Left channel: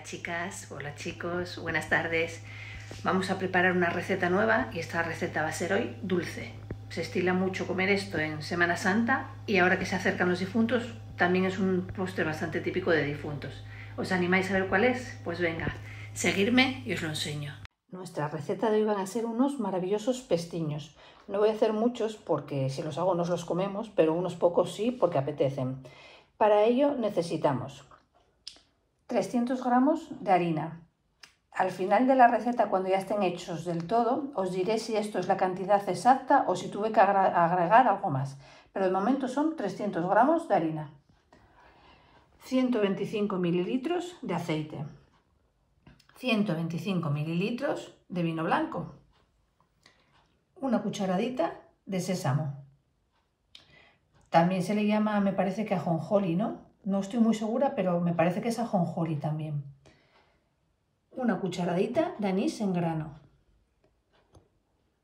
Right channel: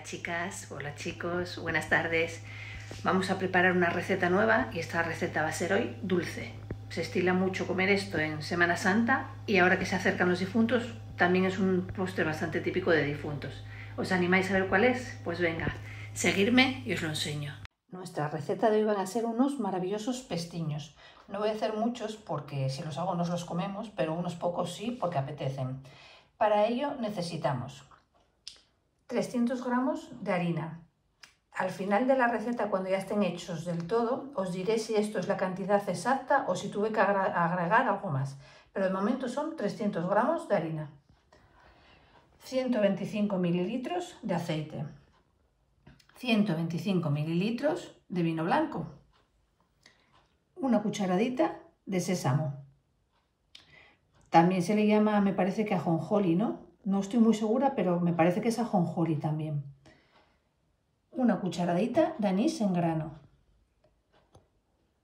Hola chicas, hola chicos, buenas tardes. Vamos a preparar una receta nueva y esta receta va a ser hoy dulce. Se estila mucho comer esto en Semana Santa y ahora que se acercan los difuntos también es un postre bastante típico de difuntos. ¿Os animáis a ver cuál es? Pues venga, seguidme y os lo enseño. Nuestra receta de hoy van a ser unos maravillosos pestiños. No voy a hacer muchos porque si los hago nos los comemos, pero unos pocos sí porque apetecen. Para ello necesitamos 300 gramos de harina. Al final de la receta, cuando ya estén hechos del todo, os diré si esto es la cantidad exacta o si tuve que agregar algo más. Pero de momento son 300 gramos de harina. 125 mililitros de aceite. 125 mililitros de vino blanco. Una cucharadita de sésamo. También se le llama, me parece que ajonjolí, ¿no? No estoy muy segura, pero me parece que es ajonjolí también. Una cucharadita de anís en grano.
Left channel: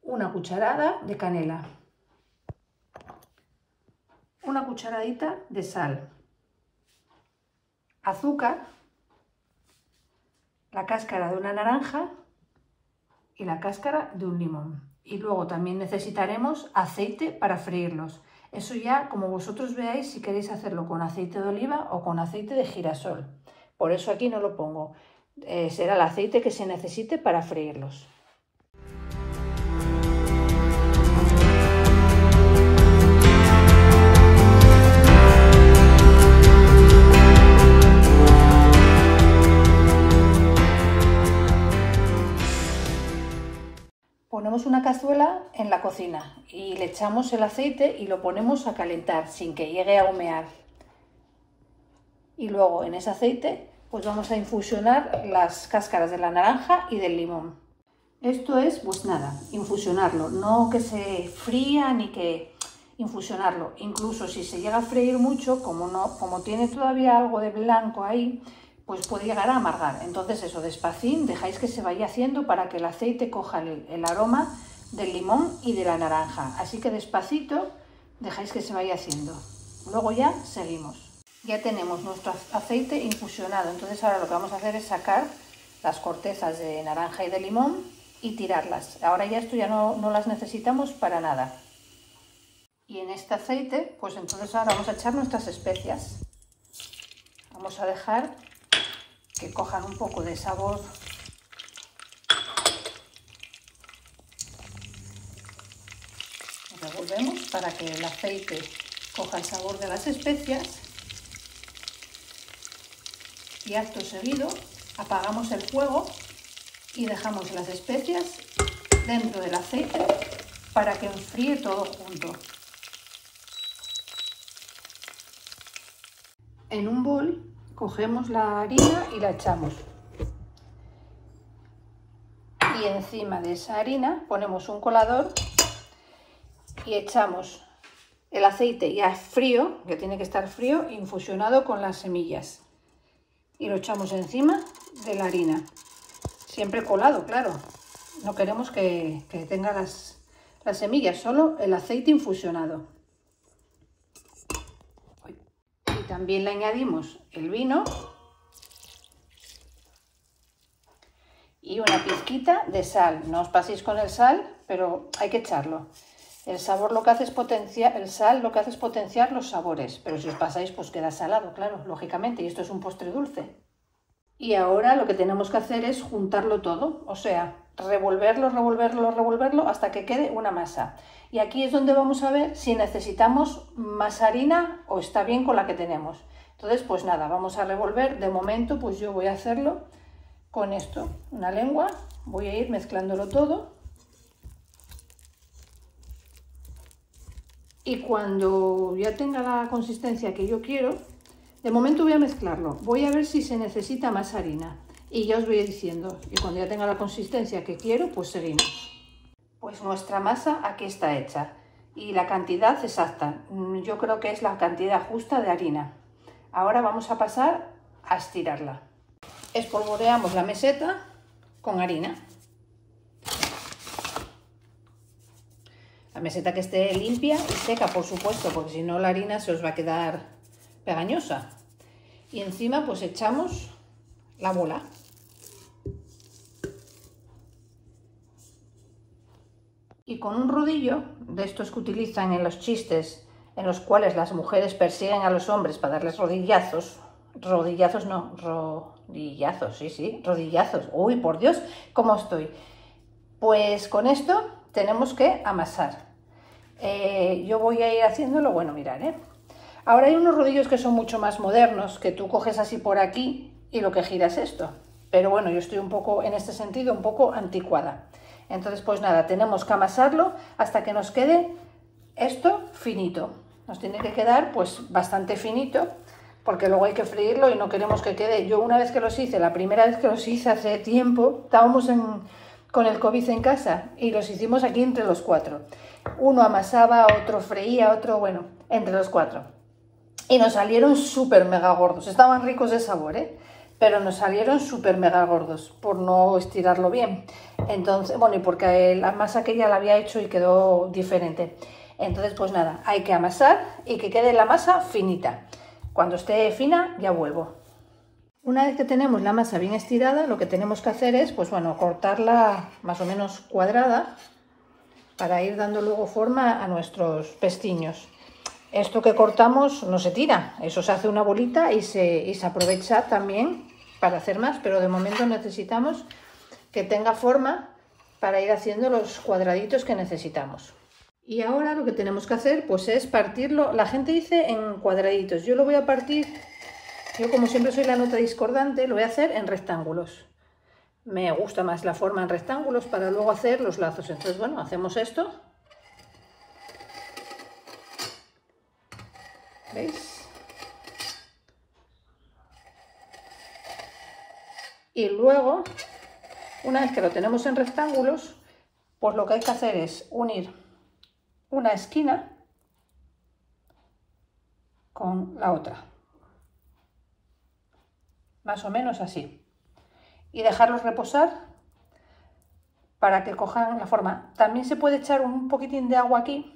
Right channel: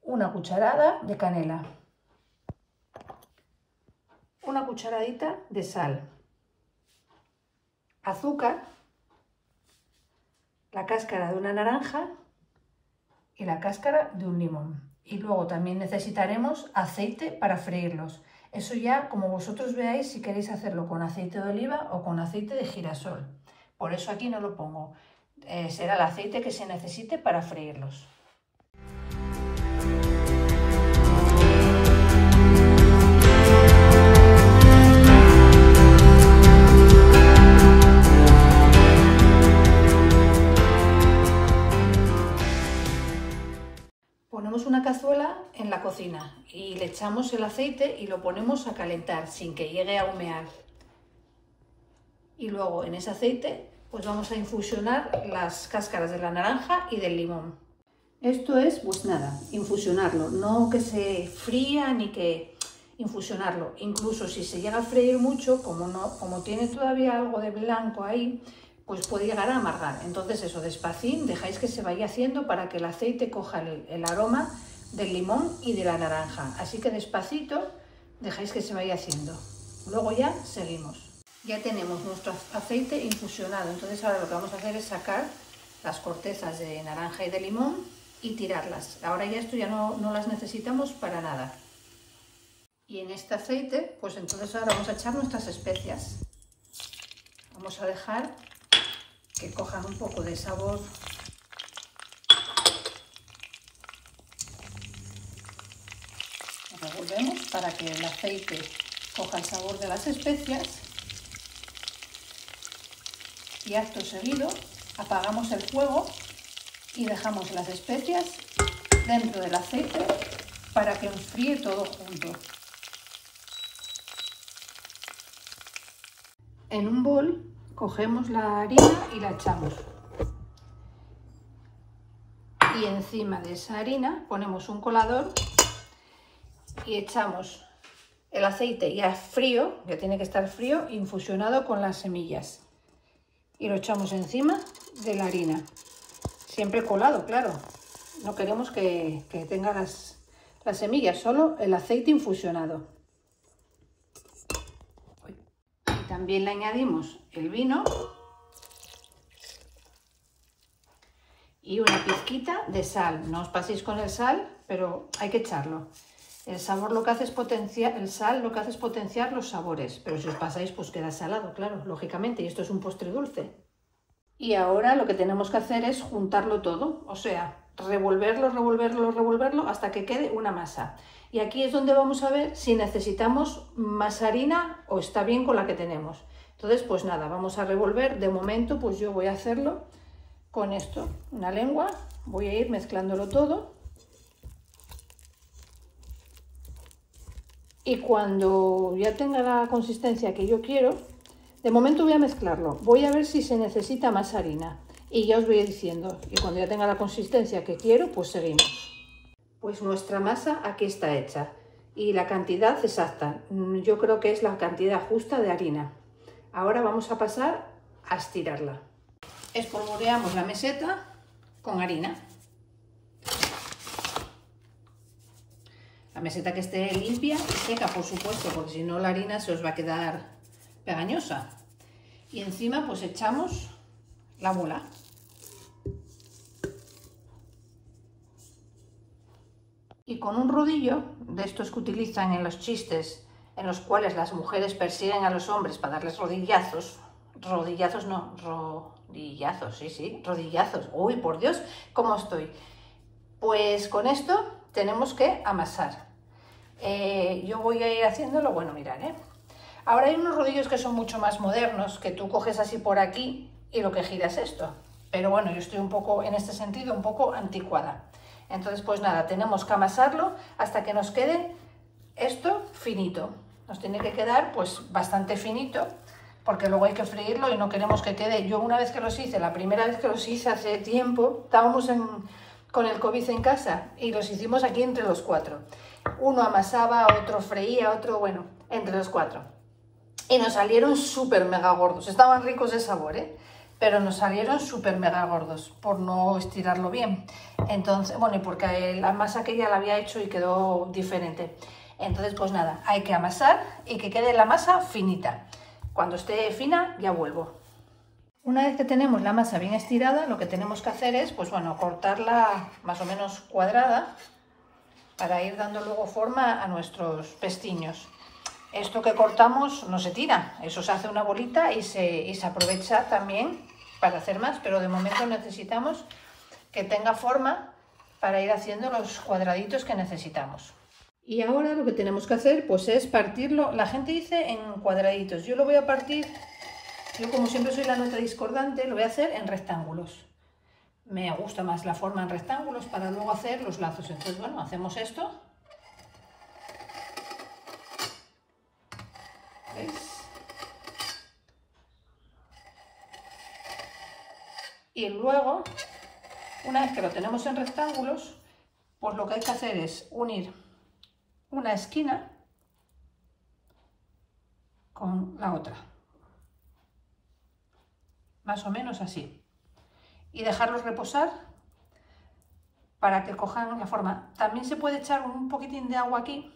Una cucharada de canela. Una cucharadita de sal. Azúcar. La cáscara de una naranja y la cáscara de un limón. Y luego también necesitaremos aceite para freírlos. Eso ya, como vosotros veáis, si queréis hacerlo con aceite de oliva o con aceite de girasol. Por eso aquí no lo pongo. Será el aceite que se necesite para freírlos. Ponemos una cazuela en la cocina y le echamos el aceite y lo ponemos a calentar sin que llegue a humear. Y luego en ese aceite pues vamos a infusionar las cáscaras de la naranja y del limón. Esto es, pues nada, infusionarlo, no que se fría ni que infusionarlo. Incluso si se llega a freír mucho, como tiene todavía algo de blanco ahí, pues puede llegar a amargar. Entonces eso, despacín, dejáis que se vaya haciendo para que el aceite coja el aroma del limón y de la naranja. Así que despacito dejáis que se vaya haciendo. Luego ya seguimos. Ya tenemos nuestro aceite infusionado, entonces ahora lo que vamos a hacer es sacar las cortezas de naranja y de limón y tirarlas. Ahora ya esto ya no las necesitamos para nada. Y en este aceite, pues entonces ahora vamos a echar nuestras especias. Vamos a dejar que cojan un poco de sabor. Lo revolvemos para que el aceite coja el sabor de las especias. Y acto seguido apagamos el fuego y dejamos las especias dentro del aceite para que enfríe todo junto. En un bol cogemos la harina y la echamos. Y encima de esa harina ponemos un colador y echamos el aceite ya frío, que tiene que estar frío, infusionado con las semillas. Y lo echamos encima de la harina, siempre colado, claro, no queremos que tenga las semillas, solo el aceite infusionado. Y también le añadimos el vino y una pizquita de sal. No os paséis con el sal, pero hay que echarlo. El sabor lo que hace es potenciar, el sal lo que hace es potenciar los sabores, pero si os pasáis pues queda salado, claro, lógicamente, y esto es un postre dulce. Y ahora lo que tenemos que hacer es juntarlo todo, o sea, revolverlo hasta que quede una masa. Y aquí es donde vamos a ver si necesitamos más harina o está bien con la que tenemos. Entonces, pues nada, vamos a revolver. De momento, pues yo voy a hacerlo con esto, una lengua, voy a ir mezclándolo todo. Y cuando ya tenga la consistencia que yo quiero, de momento voy a mezclarlo. Voy a ver si se necesita más harina y ya os voy diciendo. Y cuando ya tenga la consistencia que quiero, pues seguimos. Pues nuestra masa aquí está hecha y la cantidad exacta. Yo creo que es la cantidad justa de harina. Ahora vamos a pasar a estirarla. Espolvoreamos la meseta con harina. La meseta que esté limpia y seca, por supuesto, porque si no la harina se os va a quedar pegañosa. Y encima pues echamos la bola. Y con un rodillo, de estos que utilizan en los chistes, en los cuales las mujeres persiguen a los hombres para darles rodillazos, rodillazos, sí, rodillazos, uy, por Dios, ¿cómo estoy? Pues con esto tenemos que amasar. Yo voy a ir haciéndolo, bueno, mirad, Ahora hay unos rodillos que son mucho más modernos, que tú coges así por aquí y lo que giras esto. Pero bueno, yo estoy un poco, en este sentido, un poco anticuada. Entonces, pues nada, tenemos que amasarlo hasta que nos quede esto finito. Nos tiene que quedar pues bastante finito, porque luego hay que freírlo y no queremos que quede. Yo una vez que los hice, la primera vez que los hice hace tiempo, estábamos con el COVID en casa y los hicimos aquí entre los 4. Uno amasaba, otro freía, otro, bueno, entre los 4. Y nos salieron súper mega gordos. Estaban ricos de sabor, pero nos salieron súper mega gordos por no estirarlo bien. Entonces, bueno, y porque la masa que ella la había hecho y quedó diferente. Entonces, pues nada, hay que amasar y que quede la masa finita. Cuando esté fina, ya vuelvo. Una vez que tenemos la masa bien estirada, lo que tenemos que hacer es, pues bueno, cortarla más o menos cuadrada para ir dando luego forma a nuestros pestiños. Esto que cortamos no se tira, eso se hace una bolita y se aprovecha también para hacer más, pero de momento necesitamos que tenga forma para ir haciendo los cuadraditos que necesitamos. Y ahora lo que tenemos que hacer pues es partirlo, la gente dice en cuadraditos, yo lo voy a partir, yo como siempre soy la nota discordante, lo voy a hacer en rectángulos. Me gusta más la forma en rectángulos para luego hacer los lazos, entonces bueno, hacemos esto. ¿Veis? Y luego, una vez que lo tenemos en rectángulos, pues lo que hay que hacer es unir una esquina con la otra, más o menos así, y dejarlos reposar para que cojan la forma. También se puede echar un poquitín de agua aquí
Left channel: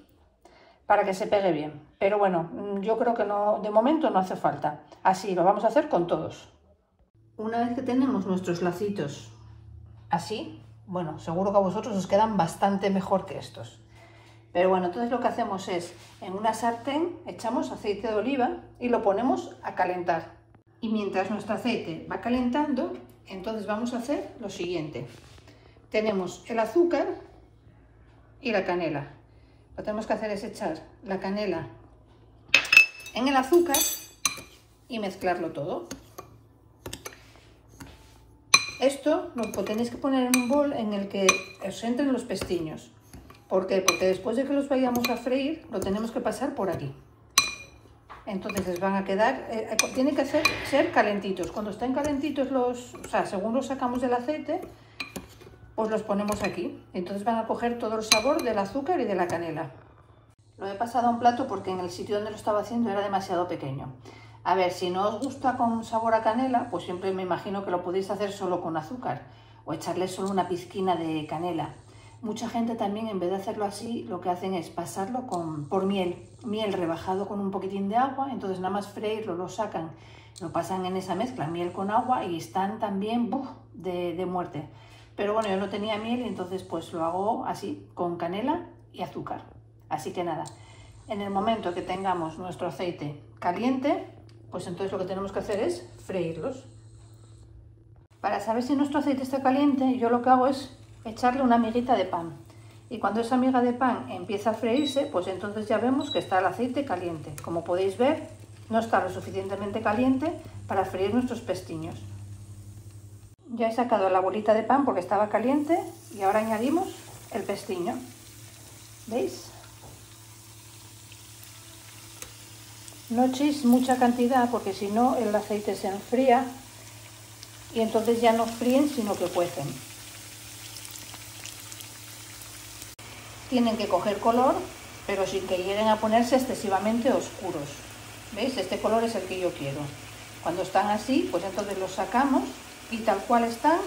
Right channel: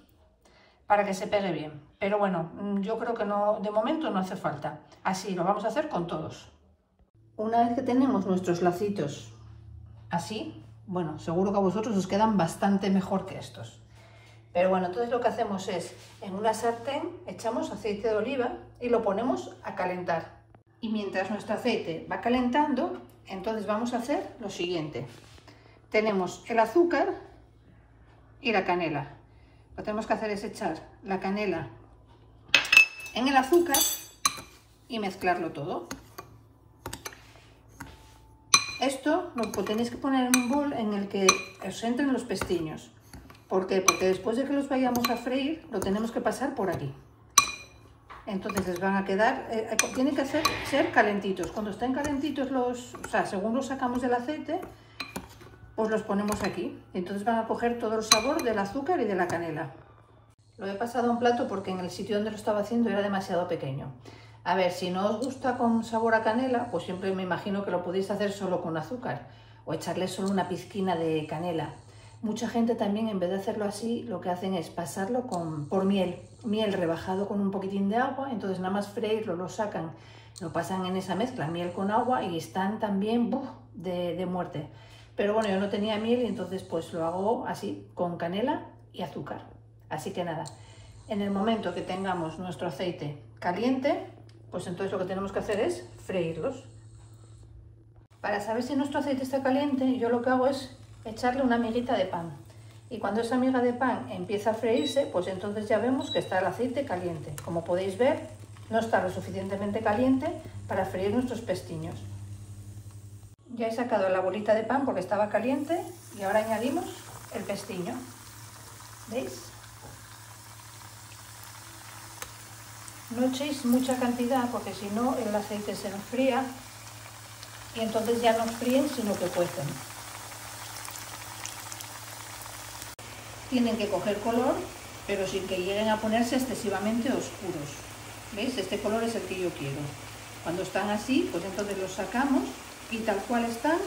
para que se pegue bien, pero bueno, yo creo que no, de momento no hace falta. Así lo vamos a hacer con todos. Una vez que tenemos nuestros lacitos así, bueno, seguro que a vosotros os quedan bastante mejor que estos. Pero bueno, entonces lo que hacemos es, en una sartén echamos aceite de oliva y lo ponemos a calentar. Y mientras nuestro aceite va calentando, entonces vamos a hacer lo siguiente. Tenemos el azúcar y la canela. Lo que tenemos que hacer es echar la canela en el azúcar y mezclarlo todo. Esto lo tenéis que poner en un bol en el que os entren los pestiños. ¿Por qué? Porque después de que los vayamos a freír, lo tenemos que pasar por aquí. Entonces les van a quedar, tienen que ser calentitos. Cuando estén calentitos, según los sacamos del aceite, pues los ponemos aquí. Entonces van a coger todo el sabor del azúcar y de la canela. Lo he pasado a un plato porque en el sitio donde lo estaba haciendo era demasiado pequeño. A ver, si no os gusta con sabor a canela, pues siempre me imagino que lo podéis hacer solo con azúcar o echarle solo una pizquina de canela. Mucha gente también, en vez de hacerlo así, lo que hacen es pasarlo por miel rebajado con un poquitín de agua, entonces nada más freírlo, lo sacan, lo pasan en esa mezcla, miel con agua, y están también de muerte. Pero bueno, yo no tenía miel y entonces pues lo hago así, con canela y azúcar. Así que nada, en el momento que tengamos nuestro aceite caliente, pues entonces lo que tenemos que hacer es freírlos. Para saber si nuestro aceite está caliente, yo lo que hago es echarle una miguita de pan. Y cuando esa miga de pan empieza a freírse, pues entonces ya vemos que está el aceite caliente. Como podéis ver, no está lo suficientemente caliente para freír nuestros pestiños. Ya he sacado la bolita de pan porque estaba caliente y ahora añadimos el pestiño. ¿Veis? No echéis mucha cantidad porque si no el aceite se enfría y entonces ya no fríen sino que cuecen. Tienen que coger color, pero sin que lleguen a ponerse excesivamente oscuros. ¿Veis? Este color es el que yo quiero. Cuando están así, pues entonces los sacamos y tal cual están,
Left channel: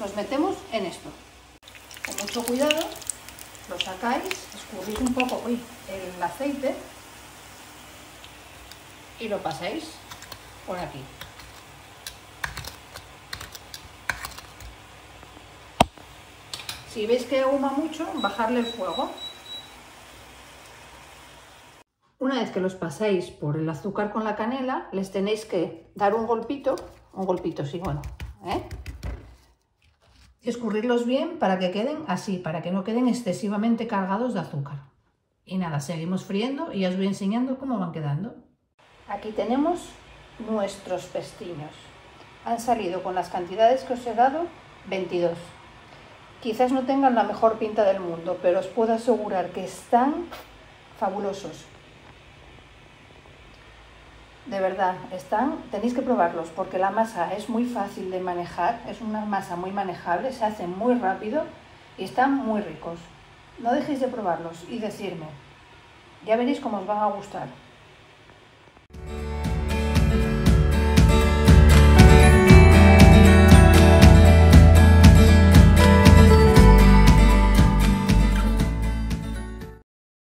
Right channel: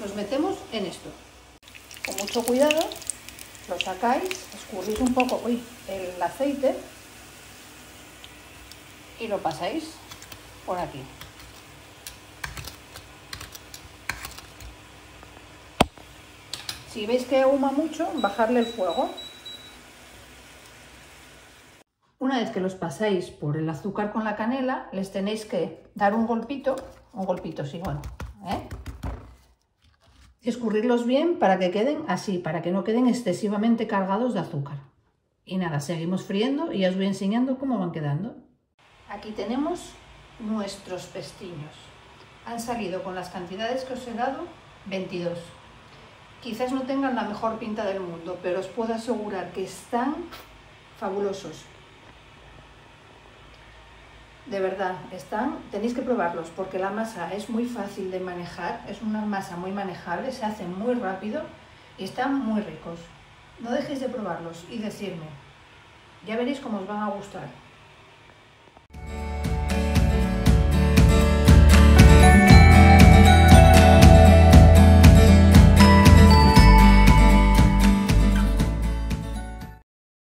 los metemos en esto. Con mucho cuidado, lo sacáis, escurrís un poco el aceite y lo pasáis por aquí. Si veis que ahuma mucho, bajarle el fuego. Una vez que los pasáis por el azúcar con la canela, les tenéis que dar un golpito sí, bueno, y escurrirlos bien para que queden así, para que no queden excesivamente cargados de azúcar. Y nada, seguimos friendo y os voy enseñando cómo van quedando. Aquí tenemos nuestros pestiños. Han salido con las cantidades que os he dado, 22. Quizás no tengan la mejor pinta del mundo, pero os puedo asegurar que están fabulosos. De verdad, tenéis que probarlos porque la masa es muy fácil de manejar, es una masa muy manejable, se hace muy rápido y están muy ricos. No dejéis de probarlos y decirme, ya veréis cómo os van a gustar.